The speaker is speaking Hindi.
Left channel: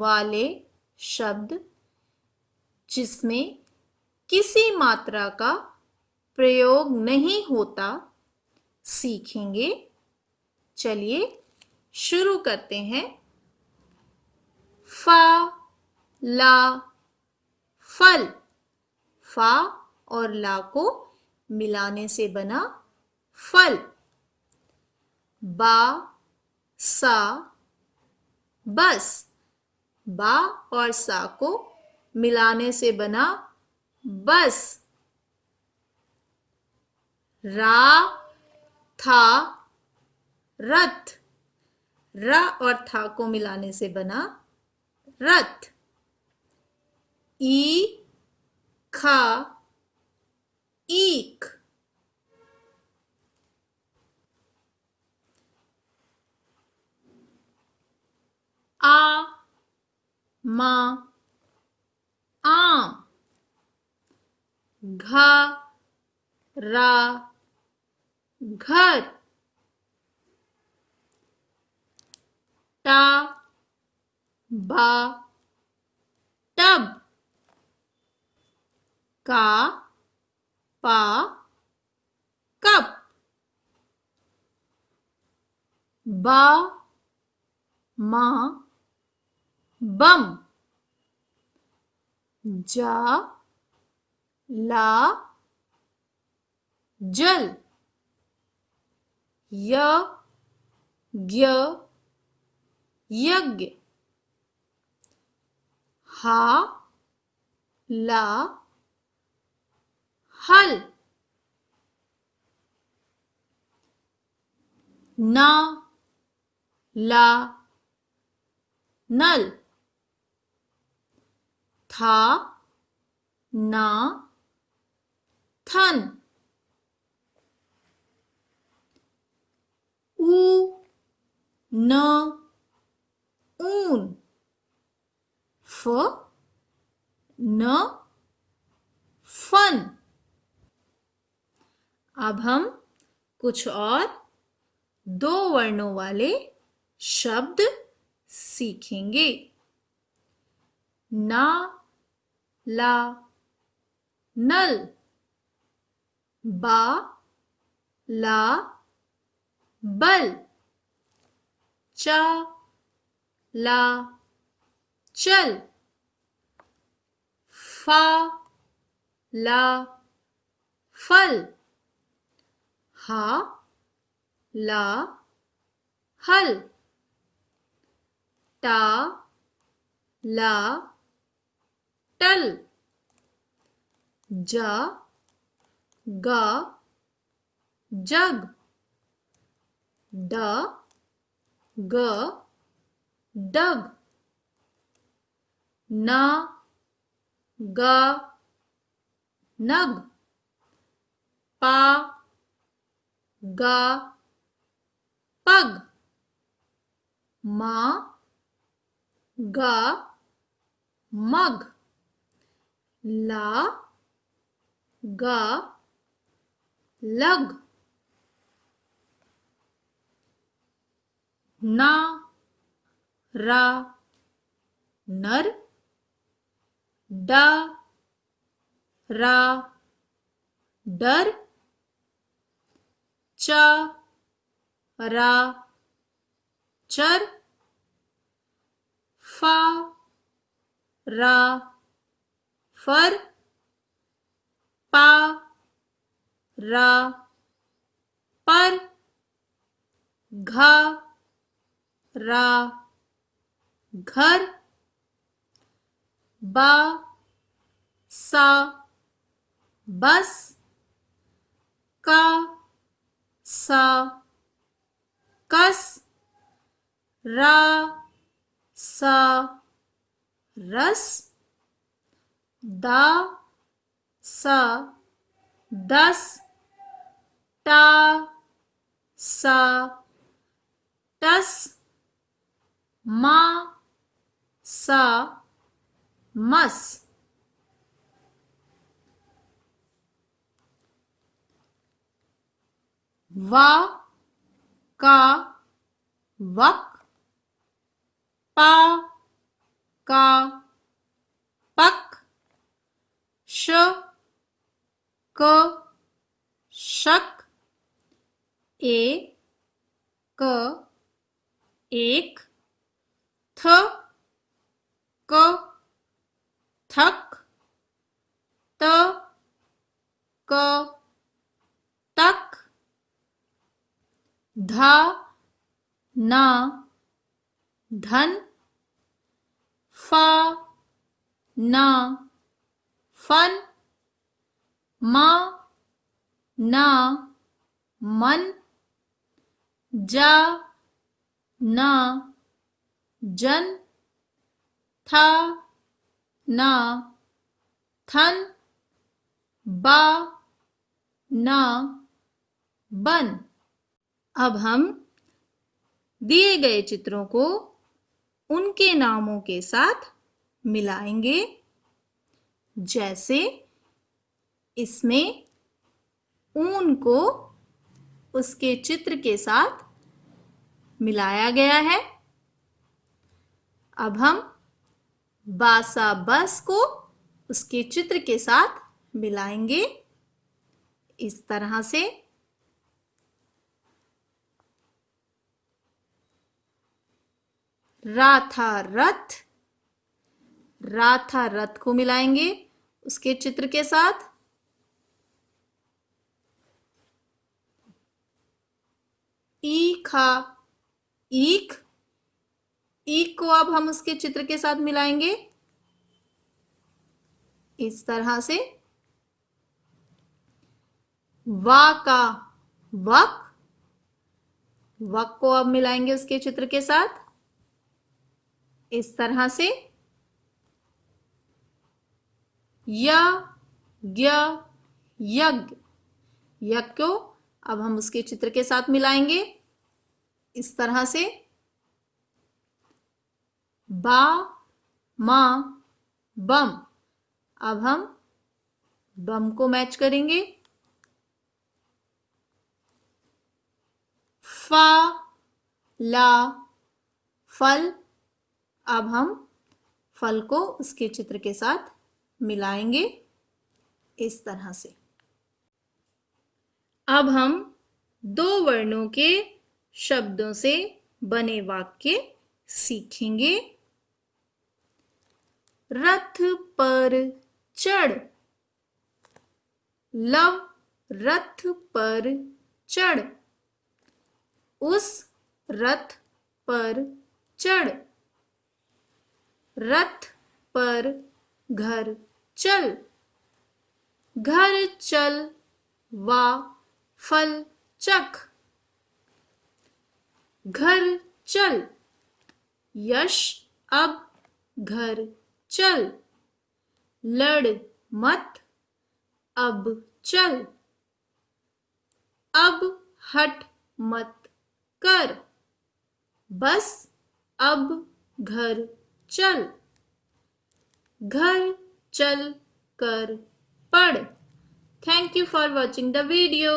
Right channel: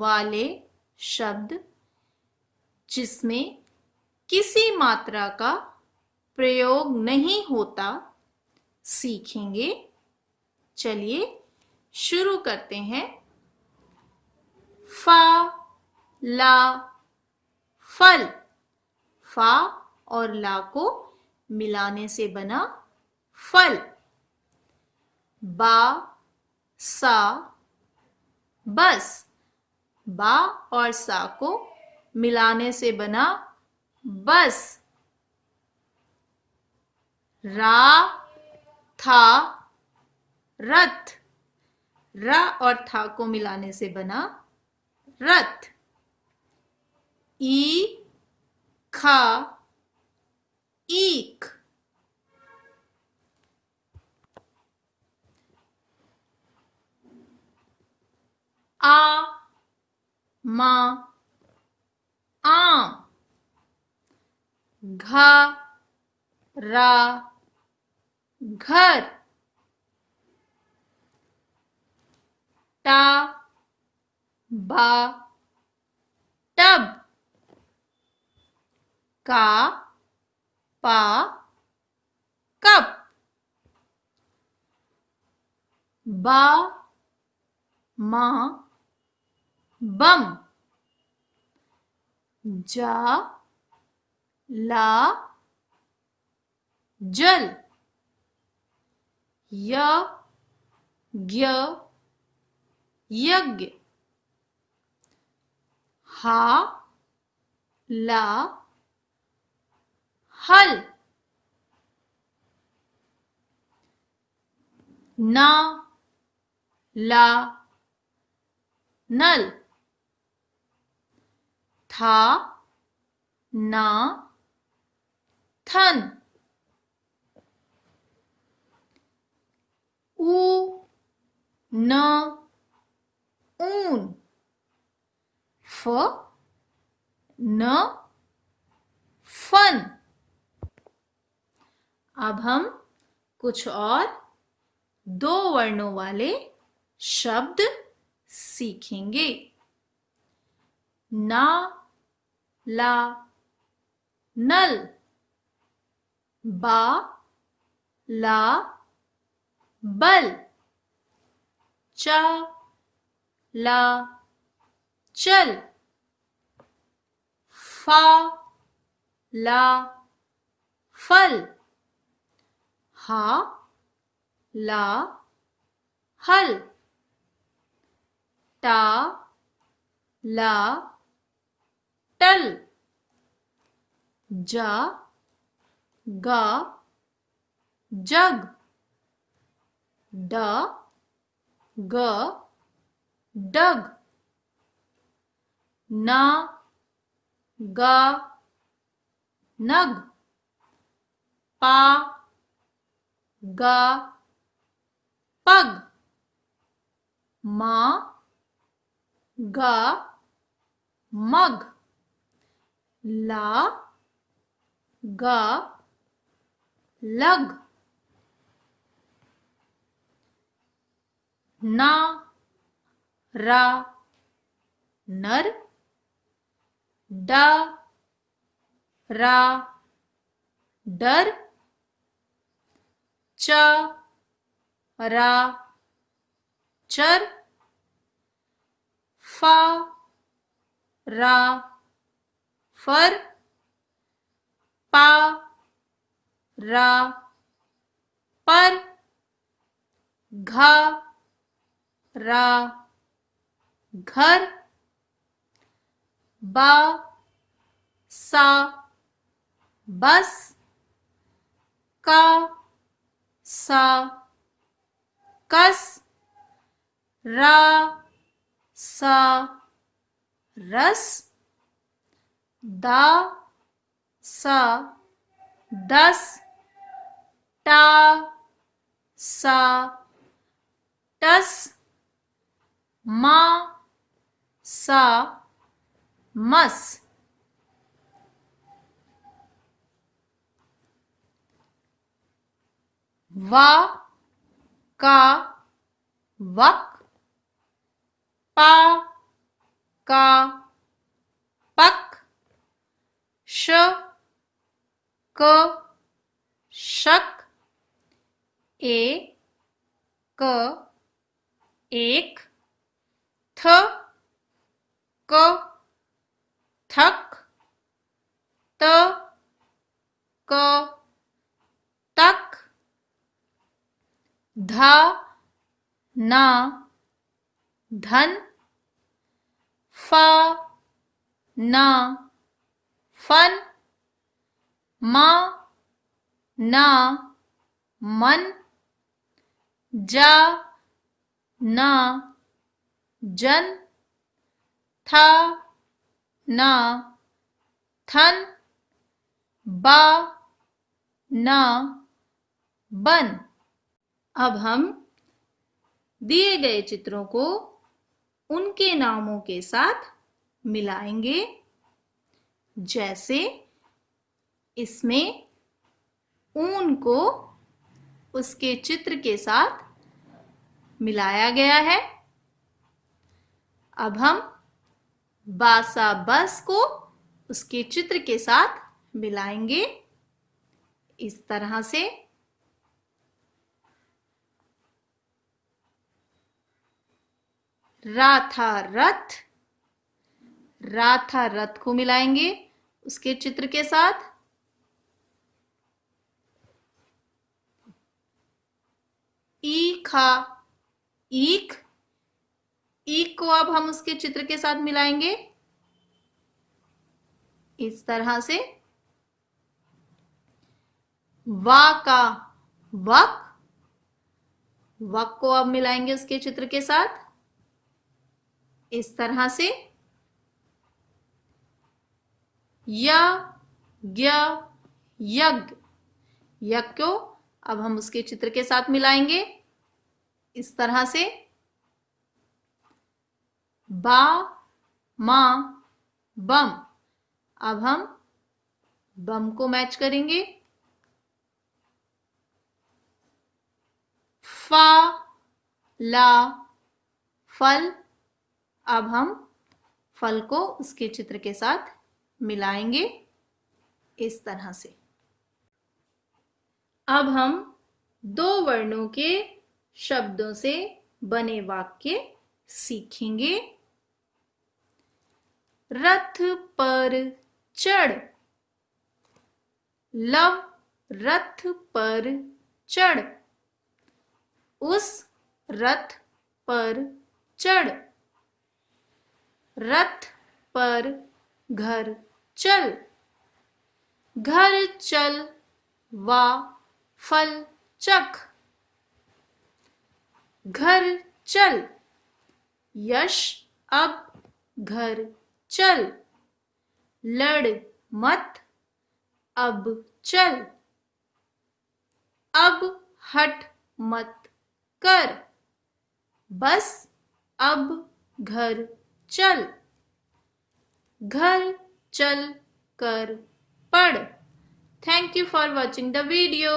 वाले शब्द जिसमें किसी मात्रा का प्रयोग नहीं होता सीखेंगे। चलिए शुरू करते हैं। फा, ला, फल। फा और ला को मिलाने से बना फल। बा, सा, बस। बा और सा को मिलाने से बना बस। रा, था, रथ। रा और था को मिलाने से बना रथ। ई, खा, ईख। आ, मा, आम। घा, रा, घर। टा, बा, टब। का, पा, कप। बा, मा, बम। जा, ला, जल। य, ज्ञ, यज्ञ। हा, ला, हल। ना, ला, नल। था, ना, थन। ऊ, न, ऊन। फ, न, फन। अब हम कुछ और दो वर्णों वाले शब्द सीखेंगे। ना, ला, नल। बा, ला, बल। चा, ला, चल। फा, ला, फल। हा, ला, हल। टा, ला, टल। जा, गा, जग। ड, ग, डग। ना, गा, नग। पा, गा, पग। मा, गा, मग। ला, गा, लग। ना, रा, नर। डा, रा, डर। च, रा, चर। फा, रा, फर। पा, रा, पर। घा, रा, घर। बा, सा, बस। का, सा, कस। रा, सा, रस। दा, सा, दस। टा, सा, टस। मा, सा, मस। वा, का, वक। पा, का पक, श क शक, ए क एक, थ क थक, त क तक, धा ना धन, फा ना फन, मा ना मन, जा ना जन, था ना थन, बा ना बन। अब हम दिए गए चित्रों को उनके नामों के साथ मिलाएंगे। जैसे इसमें ऊन को उसके चित्र के साथ मिलाया गया है। अब हम बासा बस को उसके चित्र के साथ मिलाएंगे इस तरह से। राथा रथ, राथा रथ को मिलाएंगे उसके चित्र के साथ। ईखा ईख, ईख को अब हम उसके चित्र के साथ मिलाएंगे इस तरह से। वा का वक, वक को अब मिलाएंगे उसके चित्र के साथ इस तरह से। य य यज्ञ, यज्ञ को अब हम उसके चित्र के साथ मिलाएंगे इस तरह से। बा मा बम, अब हम बम को मैच करेंगे। फा ला फल, अब हम फल को उसके चित्र के साथ मिलाएंगे इस तरह से। अब हम दो वर्णों के शब्दों से बने वाक्य सीखेंगे। रथ पर चढ़, लव रथ पर चढ़, उस रथ पर चढ़, रथ पर घर चल, घर चल वा फल चख, घर चल, यश अब घर चल, लड़ मत अब चल, अब हट मत कर, बस अब घर चल, घर चल कर पढ़। Thank you for watching the video.